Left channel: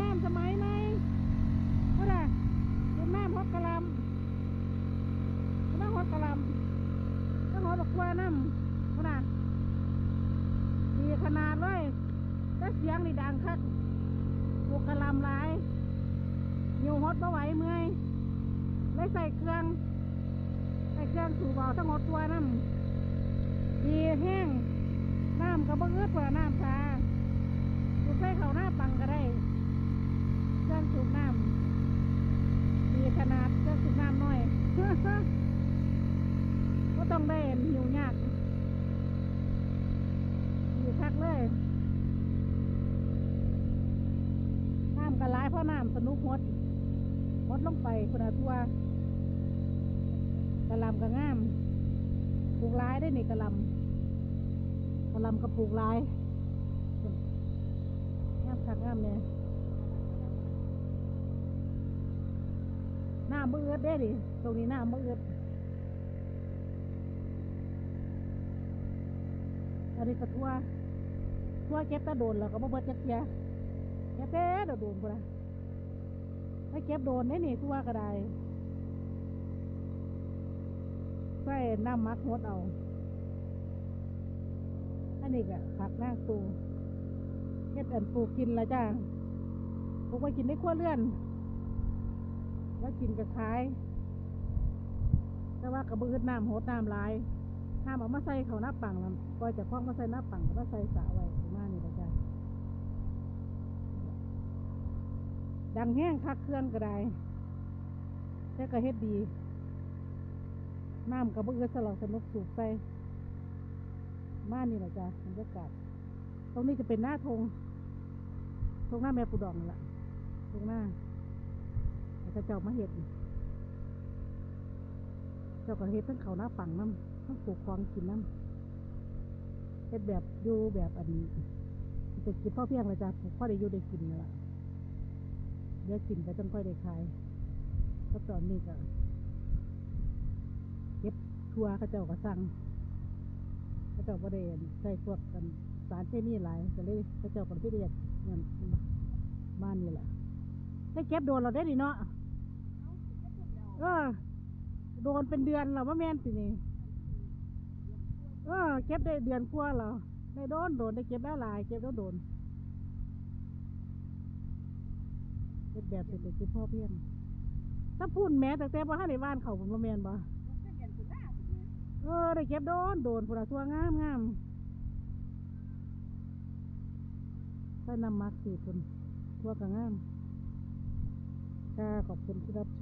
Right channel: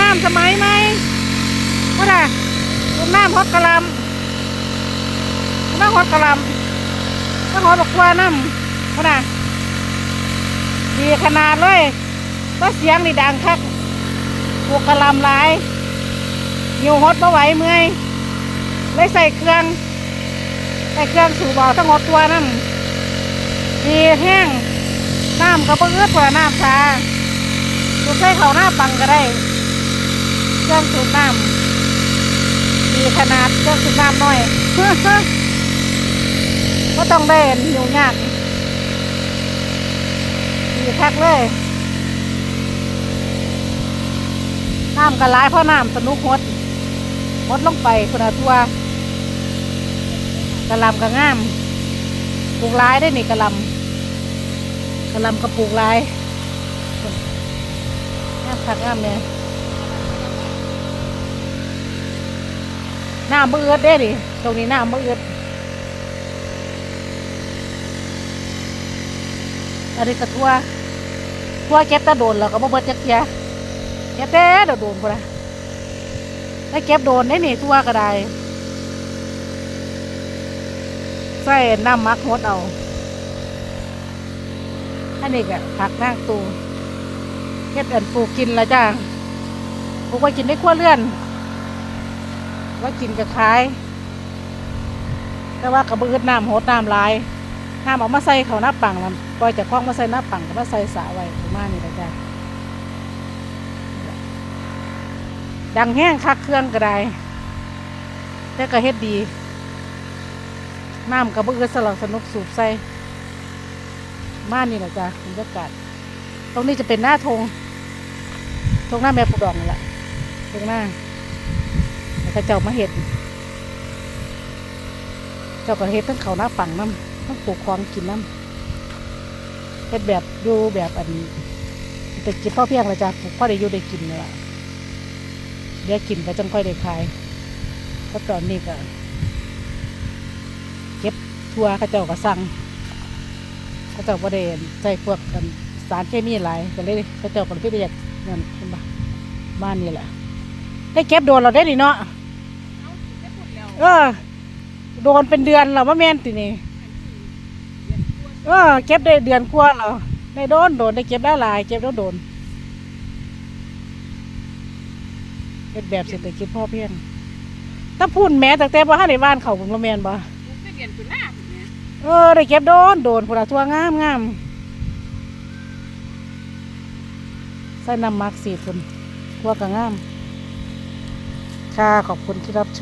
น้ำสมัยไหมว่าด่ะต้มน้ำฮอตกะลำน้ำฮอตกะลำน้ำฮอตดอกว่าน้ำว่าด่ะดีขนาดเลยก็เสียงนี่ดังคักพวกกระลำหลายหิวฮอตบ่ไหวเมื่อยเลยใส่เครื่องใส่เครื่องสูบเอาทั้งหมดตัวน้ำดีแห้งน้ำก็เอื้อเพื่อน้ำชาสูบใส่เขาหน้าปังก็ได้ รื่องสูบน้ำมีขนาดเครื่องสูบน้ำน้อยก็ต้องได้อยู่ยากดีคักเลย น้ำกร้ายเพราะน้ำสนุกหดหดลงไปคุณอาทัวกระลำกระง่ามปลูกร้ายได้นี่กระลำกระลำกระปลูกร้ายงามคักงามเนี่ย น้ำมือเอือดเด้ดิตรงนี้น้ำมือเอือดอันนี้กระทั่วทั่วเก็บแตะโดนแล้วก็บ่เบิดจักเทียเก็บแต่เดยวโดนพุ่นนะแล้วเก็บโดนได้นี่ทั่วก็ได้ใส่น้ำมักหดเอาอันนี้ก็ผักนางตูเฮ็ดอันปลูกกินละจ้าปลูกไว้กินได้ครัวเรือน ไว่ากินกับขาย แต่ว่ากระเบือน้ำโหดน้ำลายน้ำเออกมาใส่เขาหน้าปังแล้วปล่อยจากคลองมาใส่หน้าปังก็มาใส่สระไว้ประมาณนี้ละจ้าดังแห้งคักเครื่องก็ได้แต่ก็เฮ็ดดีน้ำกระเบือสลับสนุกสูบใส่มานี่ละจ้าบรรยากาศตรงนี้จะเป็นหน้าธงธงหน้าแม่ปูดองนี่แหละตรงหน้า แล้วก็เจ้ามาเห็ด เจ้าก็เห็ดทั้งเขาหน้าปังน้ำทั้งปลูกคลองกินน้ำเห็ดแบบอยู่แบบอันแต่กินพ่อเพียงเลยจ้ะปลูกพ่อได้อยู่ได้กินนี่แหละเดี๋ยวกินก็จังค่อยได้ขายเพราะตอนนี้ก็เก็บทัวข้าเจ้าก็สั่งข้าเจ้าประเด็นใส่พวกกันสารเคมีหลายก็เลยเขาเจ้าก็เลยไปอยากนั่นเห็นบ้านนี่แหละได้เก็บโดนเราได้ดิเนาะ เออ โดนเป็นเดือนเราว่าแม่นตินี่เออ เก็บได้เดือนกว่าเราได้โดนโดนได้เก็บได้หลาย เก็บแล้วโดนเป็นแบบเศรษฐกิจพ่อเพียงถ้าพูดแม้แต่แต่ว่าให้ในบ้านเขาผมว่าแม่นบ่ไปเรียนคุณหน้าผมเออได้เก็บโดนโดนพวกเราทั่วงามงามใส่น้ำมักสีฝุ่นทั่วก็งาม ค่ะ ขอบคุณที่รับชม